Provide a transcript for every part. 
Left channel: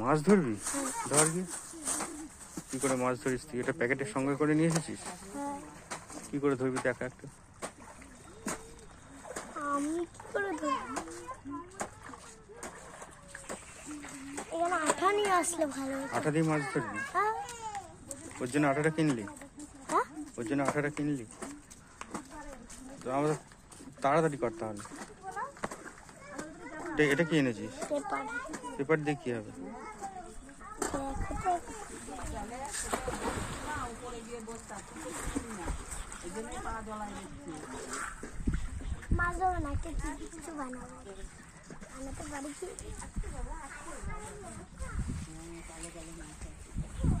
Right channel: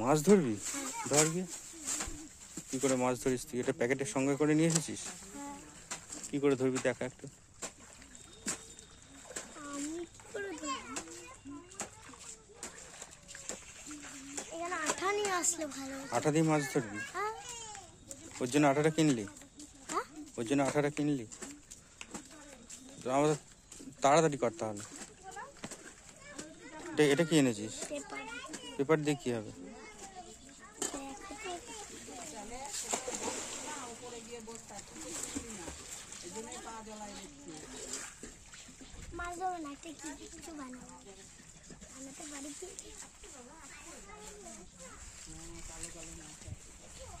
মাছ ধরবি? ধর গিয়ে। কি করে মাছ ধরিস তুই? এটা প্যাকেটের সঙ্গে করে নিয়ে এসেছিস? কি করে ধরবি দেখা একটু? আমি কি করে ধরবো? এখানে আঠা নিয়ে আসলে ভালো হতো। আঠা দিয়ে মাছ ধরবি? ওর জন্য আঠাটা কিনলি? ওর জন্য আঠাটা কিনলি? তো আমাদের তাড়াতাড়ি করতে হবে। এটা কি এনেছিস? পেপার দিয়ে কি হবে?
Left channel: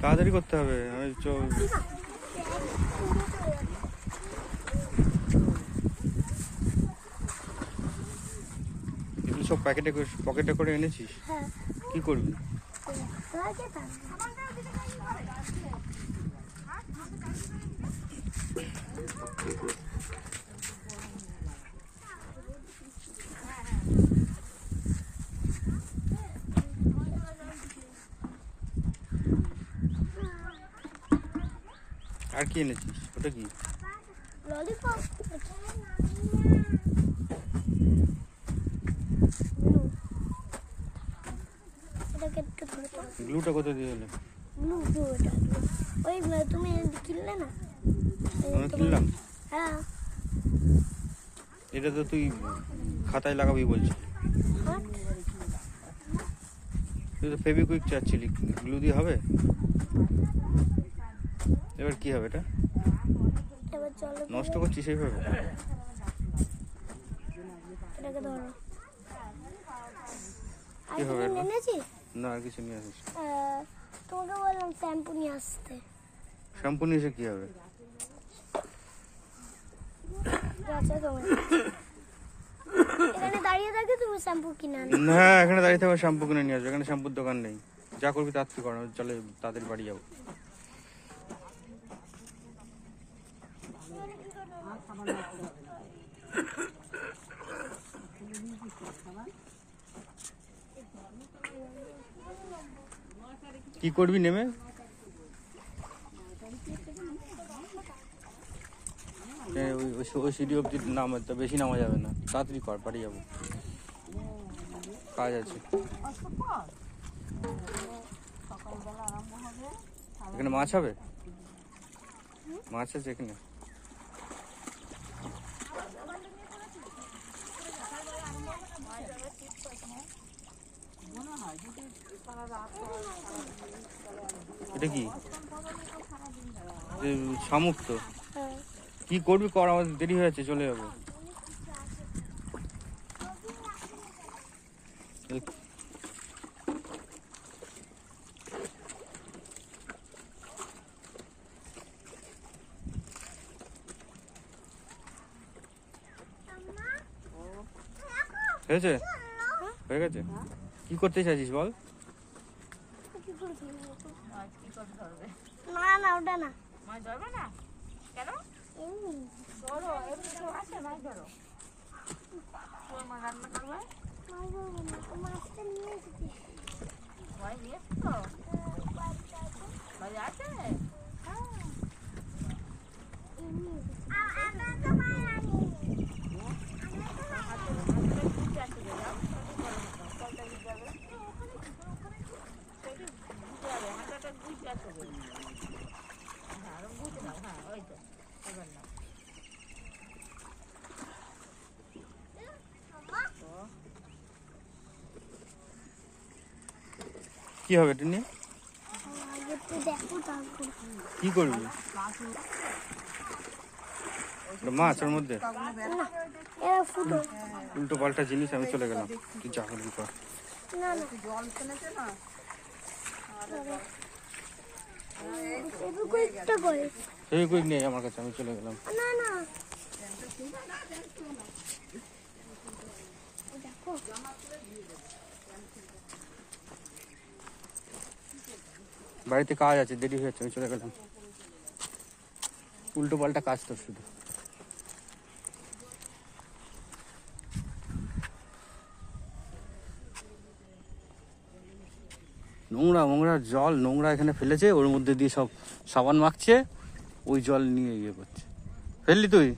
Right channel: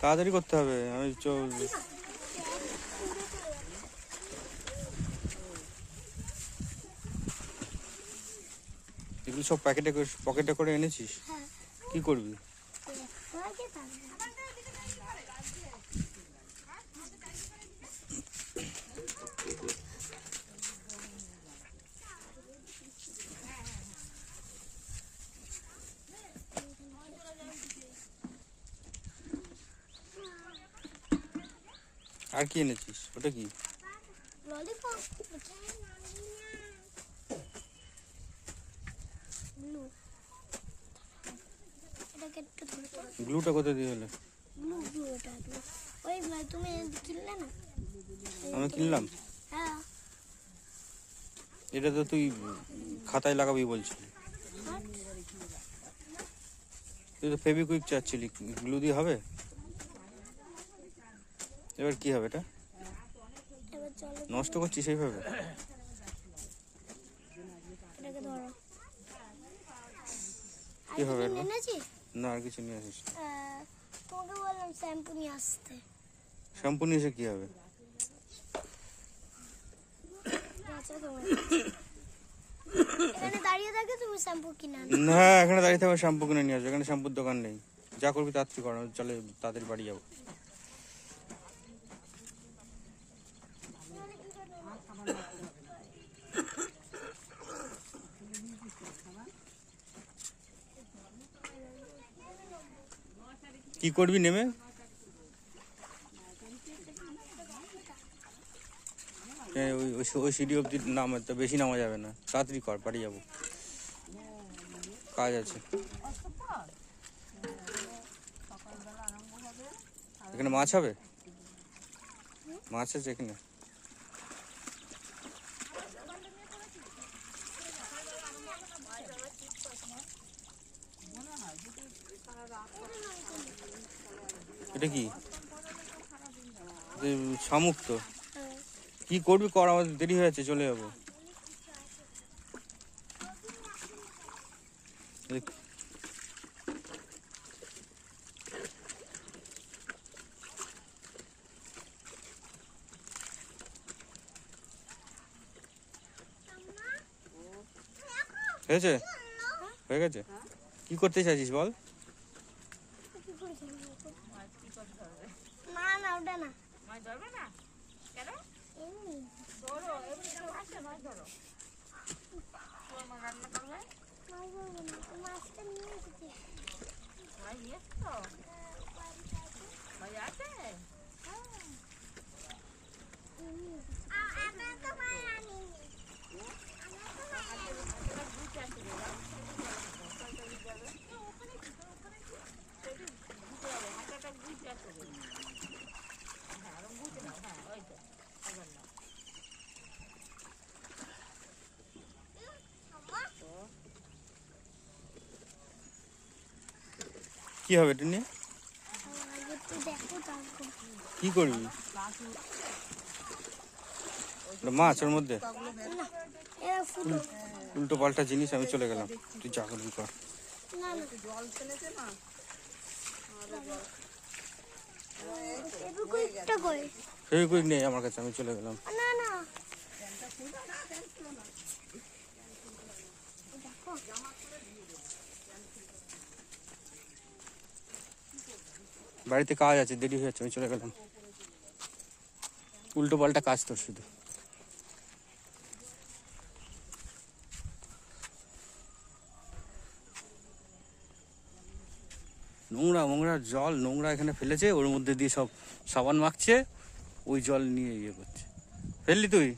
তাড়াতাড়ি করতে হবে। এগুলো সব পকেটে করে এনেছিস? কি করবি? আর কি এনেছিস? ওটা কি? গ্লুটা কোথায় দিয়ে এলে? ওই তুমি কিনলে না? আমি কিনলাম? হ্যাঁ। এটা তো তুই খাতায় লাগাবি বলছিস। তুই তো ফেভিকুইক চাচ্ছিলি, গ্লু দিয়ে হবে? এবার কি হবে এটা? নষ্ট করছিস এইভাবে? কি হবে? না, আর কিছু নিয়ে আসিস। তোমাকে বললাম শ্যাম্পু নিয়ে আসতে। শ্যাম্পু নিয়ে এসে কি হবে? এখানে দাঁড়িয়ে থাকি, তুমি শ্যাম্পু কিনে আনো। না, এখানে দাঁড়িয়ে থাকবে শ্যাম্পু কিনে নিয়ে আসবে। এখানে শ্যাম্পুর দোকান নেই। যা করবি তাড়াতাড়ি কর, চলে তাদের বাড়ি যাবো। কি করবি নেমে? ওই সিঁড়ি অব্দি নামা, বেশি নামা যাবে না। তাড়াতাড়ি কর, বাড়ি যাবো, কাজ আছে। এখানে মাছ হবে? মাছ আছে এখানে? এটা কি? শামুক তো। কি করবি কর, আমাদের দেরি হয়ে যাচ্ছে, চলে যাবো। হয়েছে? হয়ে গেছে? কি করতে চাইছিস বল? না না, ওটা না। মাছ ধরবে না কেন? ধরো, এমনি তো আছে, মাছ ধরো। মা রান্না করবে? মাছটা নিয়ে এসেছি। ভাই নিয়ে এসছো? ভাই আছে? কি হবে এটা নিয়ে? কি করবি? মাছ ওর মধ্যে? উল্টো পাল্টা জিনিস, আমি চলে গেলাম। তুই যা করবি কর। ফেভিকুইক নেই আমার কাছে, আমি চলে গেলাম। বাড়িতে কাজ আছে, দেরি হয়ে যাচ্ছে, আমি চলে গেলাম। উল্টো পাল্টা কাজ তো শুধু। নোংরা মোংরা জল নোংরা এখানে ফেলেছে, ওর মধ্যে দিয়ে সব সাবান মাখছে, ওই জল নিয়ে ইয়ে করছে। ফেললি তুই?